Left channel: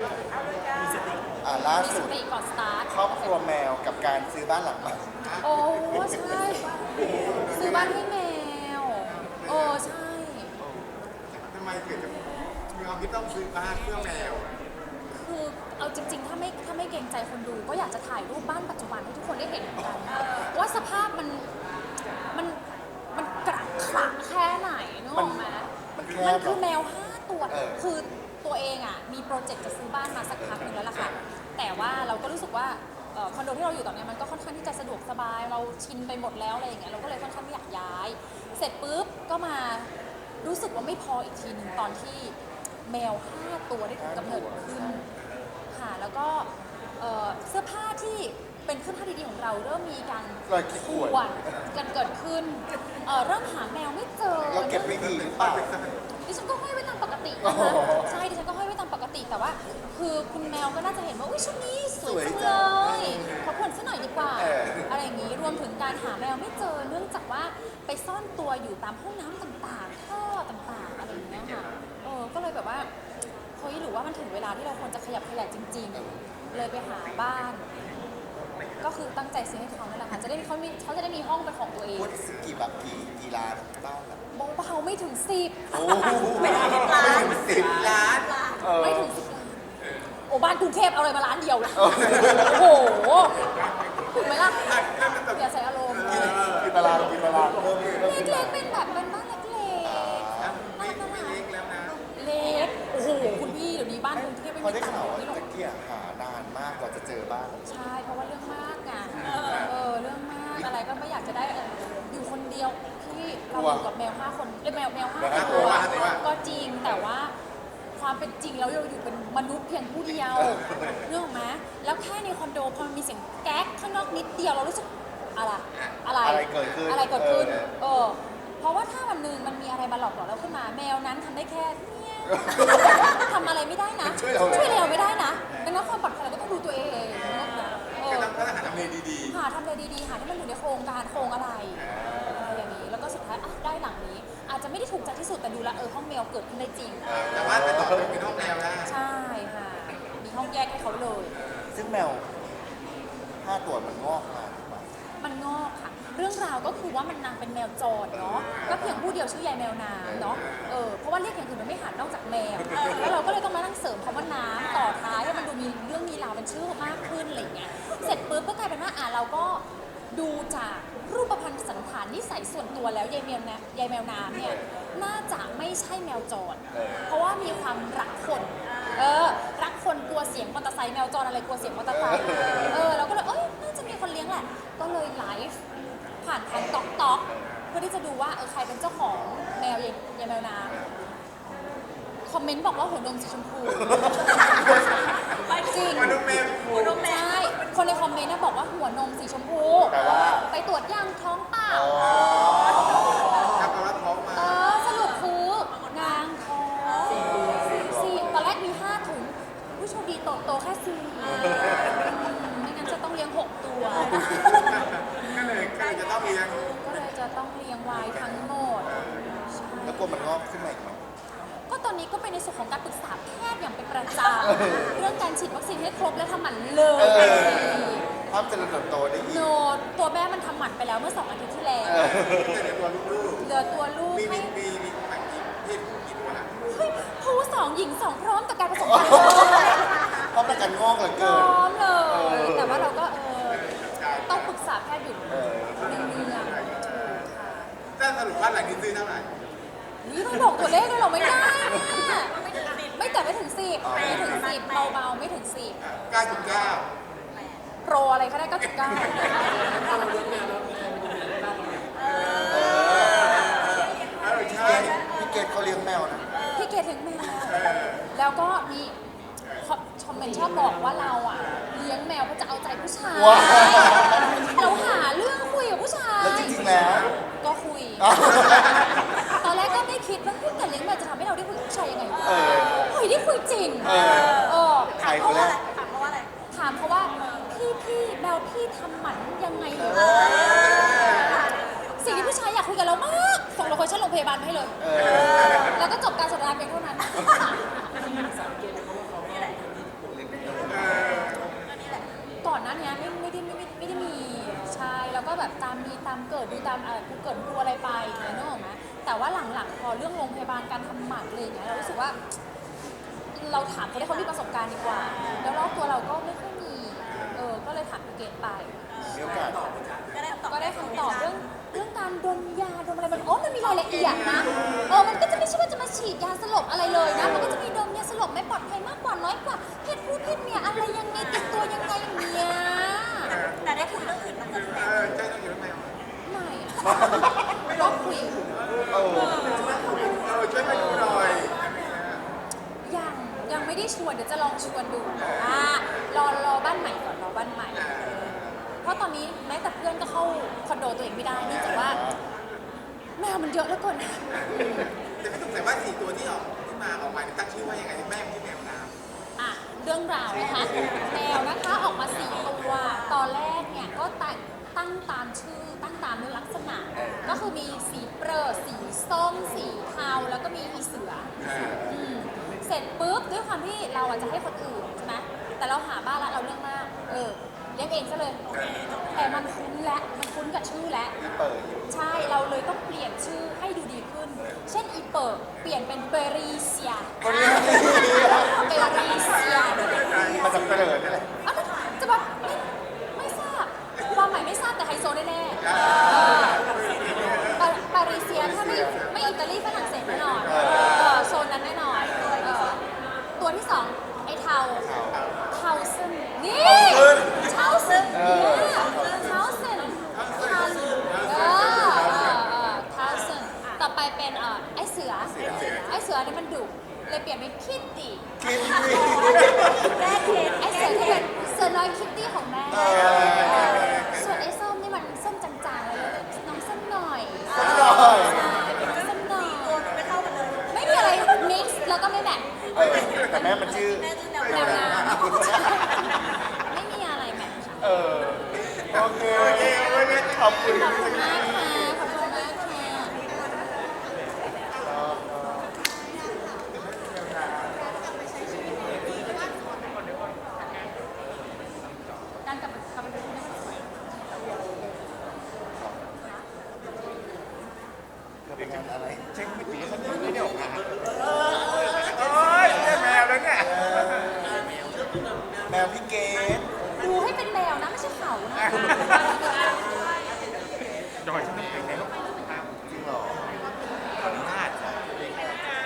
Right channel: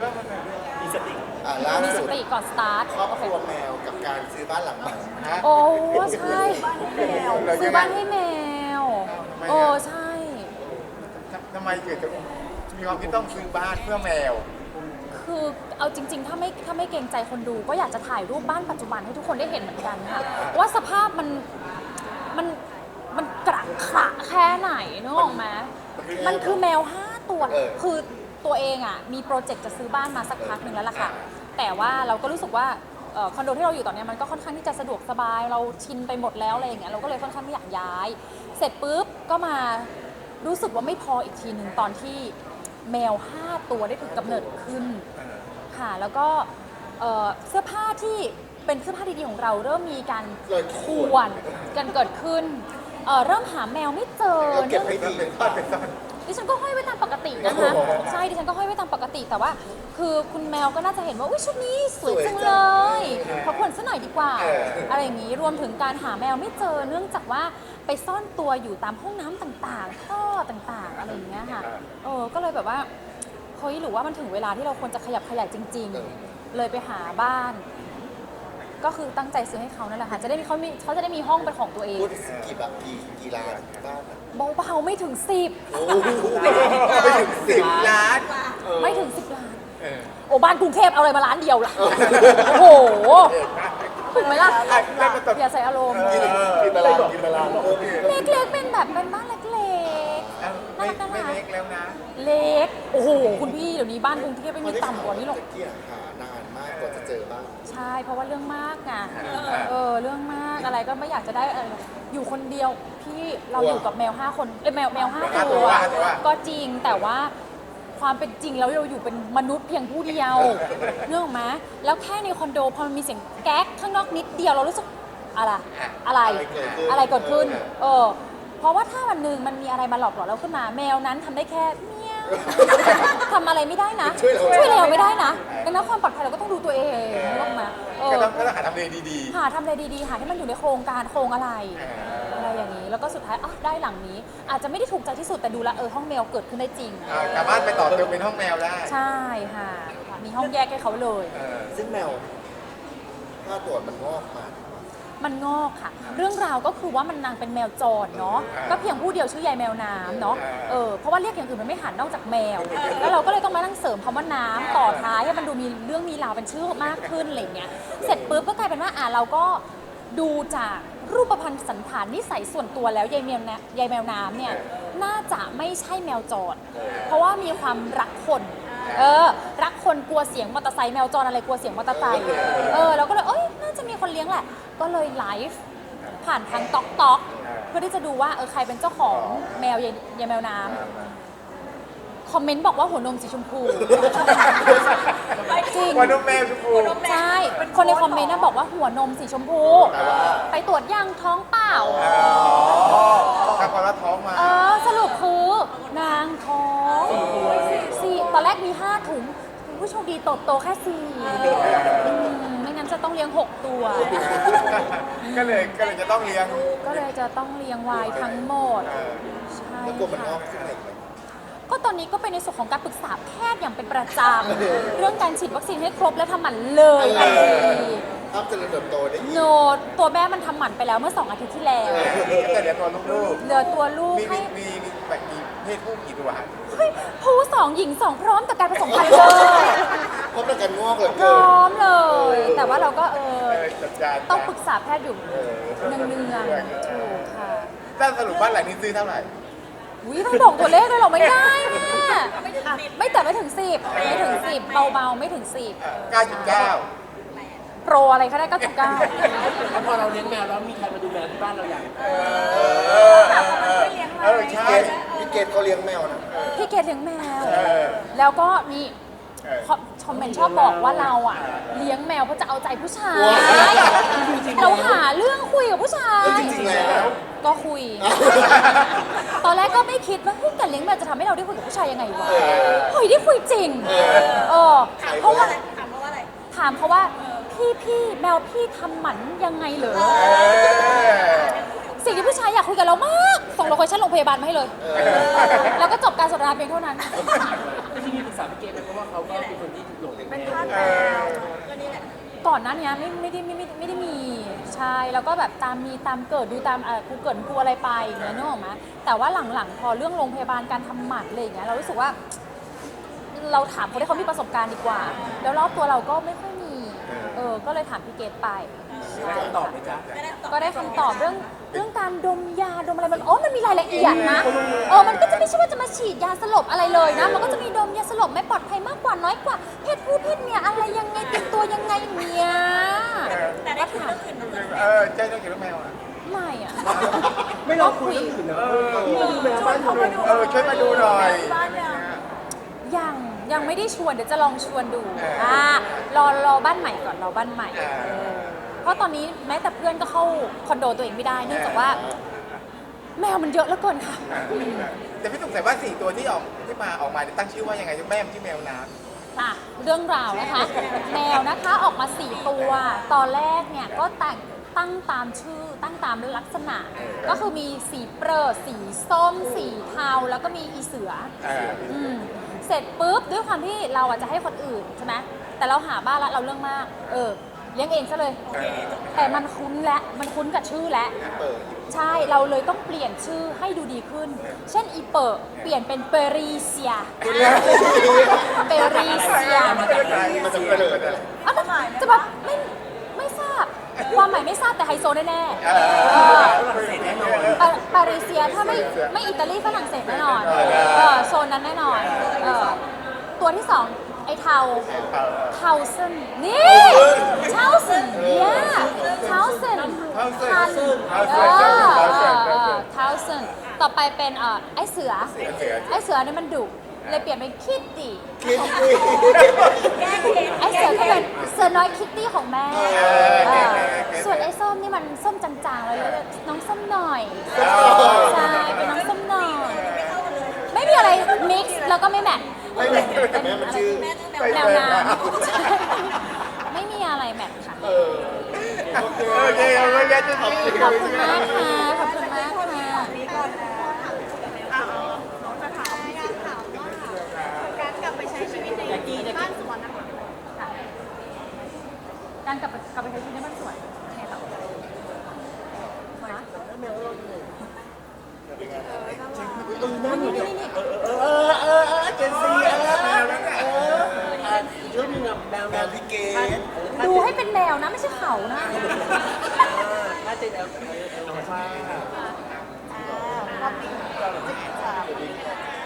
แล้วมันมีสติอ่าล่าสุดสปีก่อนสตาร์ท ครอบครัวแมวกับการซื้อบ้านหลังใหม่ฮะโอ้ใช่บ้านให้แมวเรายังไงบ้านให้แมวอ้าวทำไมโอ้อะใช่ โอ้ทำทำไมเกิดจะมีความคิดต้องซื้อบ้านเพื่อแมว คือเอาจริง ๆ ถ้าไม่ถ้าไม่เกรงใจคนดู ก็อยากจะถ่ายรูปบ้านปัจจุบันให้ทุกคนได้เห็นเหมือนกันว่าสภาพมันมันมันกระขระแค่ไหนนึกออกไหมมันแคมันบคือเหรอแมวห้าตัว เออ คือ ตัวเองอะมีโปรเจกต์จะซื้อบ้านมาสักพักหนึงแล้วล่ะค่ะอ่าแต่ว่าเราก็รู้สึกว่าเอ่อคอนโดที่เราอยู่ตอนเนี้ยมันก็ค่อนข้างที่จะสะดวกสบายเราชินไปหมดแล้วอะไรอย่างเงี้ยเราก็เลยค่อนข้างที่อยากย้าย เสร็จปุ๊บก็มารู้สึกว่าไม่พออีกทีนึงตอนที่แมวห้าตัวได้ถูกกำเนิดขึ้น ค่ะแล้วก็เอ่อเสื้อผ้าที่เป็นเสื้อผ้าดีๆของเราเริ่มมีการรอยขีดข่วนข่วนกันเกิดขึ้นเอ่อเริ่มหาแมวไม่เจอเราเก็บไม่ดีหรือเปล่า ดิฉันก็ห้อยไว้ ตามปกติโอ้นะโหคะใช่ดิฉันก็ห้อยไว้ตามปกติแต่ว่า คือคุณแมวก็น่าจะเห็นว่าอุ้ยชุดนี้สสววยยจังจังเลยเออขอผ่อนซะหน่อยดีกว่าเอออ อะไรอย่างนี้รวมถึงการหาแมวไม่เจอเนื่องจากว่าไปซ่อนตัวอยู่ตามห้องน้ำต่างๆท่อต่างๆอะไรอย่างเงี้ยค่ะเออก็เลยแบบว่าเฮ้ยหรือว่ามันถึงเวลาที่เราควรจะขยับขยายจริงเออๆเลยไปหาบ้าน ก็คือตั้งใจซื้อให้เขานั่นแหละค่ะจะได้เขามีเขาจะได้มีห้องเป็นของตัวเองพูดกี่บาทกี่กี่ล้านบ้านอะเบาๆไม่ถึงสิบโอ้โหไม่ถึงสิบล้านเออไม่ถึงสิบล้านเออโอ้บ้านกรุงเทพเอาอะไรมาล้านเดียวล่ะเออโอ้โหถูกไหมล่ะอะแล้วมันตกอย่าใส่อารมณ์เอกินอกินตารางกินตารางเพิ่มเพิ่มขึ้นเล็มากๆเป็นแบบเป็นบ้านเล็กอ่าเอ้าไม่ไม่เล็กแล้วนะๆ เล็กโอ้โหคุณพี่เดี๋ยวนี้บ้านไม่กรุงเทพพอได้ต่ำข่าวกว่านี้หรอก ตะเกียหานานมากกว่าจะเจอบ้านใช่ เพราะว่าเรื่องมากไงอ่าเออเออเรื่องมากอะไรก็ไม่อยากจะได้เอออยู่คนเดียวพี่เรากลัวอยู่กับแมวห้าคนเอ้ยแมวแมวห้าแมวห้าตัวห้าตัว ก็จริงแต่ว่าความเป็นจริงแล้วเราอยู่เป็นมนุษย์เพียงผู้เดียวเรื่องไหมแล้วแค่ในคอนโดพอมันมีเสียงแก๊กข้างนอกนิดเดียวเรารู้สึกอะไรอะอะไร อะไรเกิดขึ้นอะไรเกิดขึ้น เออ เออเพราะว่าถ้าวันหนึ่งมันมีอะไรมาหลอกหลอนเราขึ้นมา แมวนั้นทำได้แค่เนี่ยทำอะไรไม่ได้นะช่วยเราช่วยเรา ไม่ได้นะดังนั้นความปลอดภัยเราก็ต้องดูตัวเองเออก็ต้องก็ต้องหาทำเลดีหาทำอะไรดีๆหาที่มันอยู่ในโครงการโครงอะไรๆเอออะไรอย่างนี้แล้วก็สุดท้ายอะได้หลังนี้ อาจจะไม่ได้ถูกใจที่สุดแต่ดูแลวเออห้องแมวเกิดขึ้นได้จริงเออสามารถไปต่อเติมเป็นห้องแมวได้ใช่ค่ะมีห้องแยกให้เขาเลย เออซึ่งแมว ห้าตัวมันงอกมาถูกปะ มันงอกค่ะ เรื่องราวก็คือว่ามันนางเป็นแมวจรเนาะเออก็เพียงผู้เดียวชื่อยายแมวนาเนาะเออ เออเพราะว่าเรียกอย่างอื่นมันไม่หันนอกจากแมวแล้วเราก็เลยต้องมานั่งเสริมคำว่านาต่อท้ายให้มันดูมีเรื่องมีราวเป็นชื่อมากขึ้นอะไรอย่างเงี้ยเสร็จปุ๊บก็กลายเป็นว่าอะเราก็ดูจากรูปพรรณสันฐานนิสัยส่วนตัวแล้วยายแมวนะยายแมวน้ำเนี่ยน่าจะไม่ใช่แมวจร เออ เพราะว่ามีความรักคน เออ รักคนกลัวเสียงมอเตอร์ไซค์แมวจรอะไรกลัวเสียงมอเตอร์ไซค์เออ เราก็เลยเอ้ย แหละ ก็เลยไลฟ์ผ่านทางต๊อกต๊อกเพื่อที่จะดูว่าเออใครเป็นเจ้าของแมวยายยายแมวน้ำ คอมเมนต์บอกว่าหัวนมสีชมพู ไปจริงวันนมแมวชมพู หัวนมแมวใช่คนในคอมเมนต์นะบอกว่าหัวนมสีชมพูแปลว่าไปตรวจยังท้องเปล่า อ๋อ ถ้าความรักท้องมา เออสรุปคือนางท้องสี่ตอนแรกมีห้าถุงผู้โชคดีโตโตแค่สี่ไม่งั้นจะต้องเลี้ยงหกตัว ก็เลยก็ เลยจะต้องเลี้ยงก็เลยจะต้องเลี้ยงไว้ทั้งหมดเออใช่ แล้วกลัวมันงอกขึ้นมาอีกไหม ก็ตอนนี้ก็เป็นในส่วนของการปรึกษาแพทย์อย่างเป็นประจำเรื่องการฉีดวัคซีนให้ครบและทำหมันเลเอยอห้ามเจริญเติบโตได้อีกโนดตัวแม่มันทำหมันไปแล้วเมื่อสองอาทิตย์ที่แล้วเออก็จะเหลือตัวลูกเหลือตัวลูกๆ มีมีมีมีแบบกี่เพศผู้กี่ตัวฮะเฮ้ยผู้สองหญิงสองพร้อมกับการผสมพันธุ์เพราะประกันงอกเหลือพเกินร้อม จัดจานต้องนะปรึกษาแพทย์อยู่เออเรื่องเรื่องเออถ้าสรุปบ้านหลังนี้ซื้อเท่าไหร่ นี่ต้องบอกตัวเลขเลยเหรอไม่ได้อะไม่ถึงสิบไม่แต่ไม่ถึงสิบไม่ถึงสิบเบาๆไม่ถึงสิบ9.9 โปรอะไรก็ได้ก็จุกเก้าแล้วพอเราเลี้ยงแมวแล้วมีใครมาดูแลที่บ้านเราอย่างเออเออเออเออพี่ใช่เกดพี่เกดเขาเลี้ยงแมวนะ พี่เกดเลี้ยงแมวเออแล้วก็มี เออชมเมนชอบบอกว่าเราอะ เลี้ยงแมวเพื่อจะเอาใจผู้ชายว้าวเราหาเรื่องคุยกับผู้ชายแล้วจริงๆแล้วก็คุยตอนแรกก็ไม่คิดว่าเฮ้ยแต่เลี้ยงแมวจะทำให้เราได้คุยกับผู้ชายยังไงเออเฮ้ยได้คุยจริงเออ เออใครคนแรกถามเขาว่าอะไร ถามเขาว่าพี่พี่แมวพี่ทำหมันยังไงเหรอเออสิ่งที่ผู้ชายอยากคุยกับเรามากส่งโลเคชั่นโรงพยาบาลมาให้เลยเออแล้วก็จบการสนทนาเพียงเท่านั้น ก็นี่แหละ ก่อนหน้านี้ไม่ไม่ได้ไม่ไม่ไม่ได้มีใช่แล้วก็แบบตามมีตามเกิดดูตามเออกูเกิดดูอะไรไปนึกออกไหมแต่ว่าหลังๆ พอเรื่องโรงพยาบาลการทำหมันอะไรอย่างเงี้ยเรารู้สึกว่า เราถามคนที่เขามีประสบการณ์ดีกว่า แล้วรอบตัวเราก็ไม่ค่อยมีเออก็เลยถามพี่เกดไป มีโอกาสตอบไหจ๊ะก็ได้คำตอบก็ได้ตอบเรื่องเรื่องการดมยาดมอะไรมันโอมันมีรายละเอียดนะเออมันก็จะไม่ใช่ว่าจะมาฉีดยาสลบอะไรเลยนะมันก็จะมีดมยาสลบไม่ปลอดภัยมากกว่าน้อยกว่า ไม่อะไม่ลองคุยเรื่องอื่นเหรอเออดูแมวบ้านเราเออช่วยมาดูหน่อยอะไรเงี้ย ยังยังไม่ได้ชวนเดี๋ยวจะลองชวนดูเอออ่ารอรอบ้านใหม่ก่อนรอบ้านใหม่ เออเพราะตอนนี้แม้แต่เพื่อนก็เข้าคอนโดตัวเองไม่ได้เนื่องจากว่าแมวมันเยอะเหลือเกินค่ะ แต่พี่สงสัยว่าสี่ตัวที่ออกที่มาออกมาเนี่ยตั้งชื่อว่ายังไงแม่มันชื่อแมวน้อะเรื่องราวนะคะแมวนะคะออกมาสี่ตัว ตอนแรกเนี่ยก็แต่งตั้งตามชื่อ ตั้งตามลักษณะ ก็คือมีสีเปรอะสีส้ม สีเทา แล้วก็มีอีเสือำเอออืมเสร็จปุ๊บด้วยความที่เราอาจจะให้คนอื่นใช่ไหมแต่เราหาบ้านแล้วเราเรื่องมาก เออเลี้ยงเองซะเลยเออแต่มันคุ้นแล้วมันคุ้นกับชื่อแล้ว เปิดอีก ใช่เราเลยต้องเปลี่ยนชื่อให้ดูดีขึ้น เช่นอีเปิร์เปลี่ยนเป็นเปรีเซียคนเนี้ยเปรีเซีย ไม่ได้ใจ มันจะเปิดอะไร อะจะแบบไม่ไม่ทราบความหมายไม่ทราบแต่ไฮโซแน่ เออ ๆปาปารีเซียถ้าไม่ไม่อิตาลีฝรั่งเศสแน่นอนเออโซนนั้นแน่นอนเออตัวที่สองไอ้ เทาเออเทาซึนนี่เทาซึนเทาซึนเออเทาซึนเทาซึนเท้าเส้นเท้าเส้นเท้าเส้นเทาเส้นเทาเส้นเทาเส้นเทาซึนต่อไปเป็นเอ่อไอ้เสือเสือเสือไอ้เสือนี่มันดุเลยเปลี่ยนเป็นคิตตี้คิดดิแก้เค็มไอ ใช่ขอบคุณครับเช็คไม่ตื่นนั่นเลยเออเออเออเจ็ดสิบแมวแล้วเนี่ยเรื่องนึงอะแมวแมวพี่เกดดูให้เป็นแมวนะไม่ใช่เขา จอยใช่ไหมจริงเหรอจรอสวัรั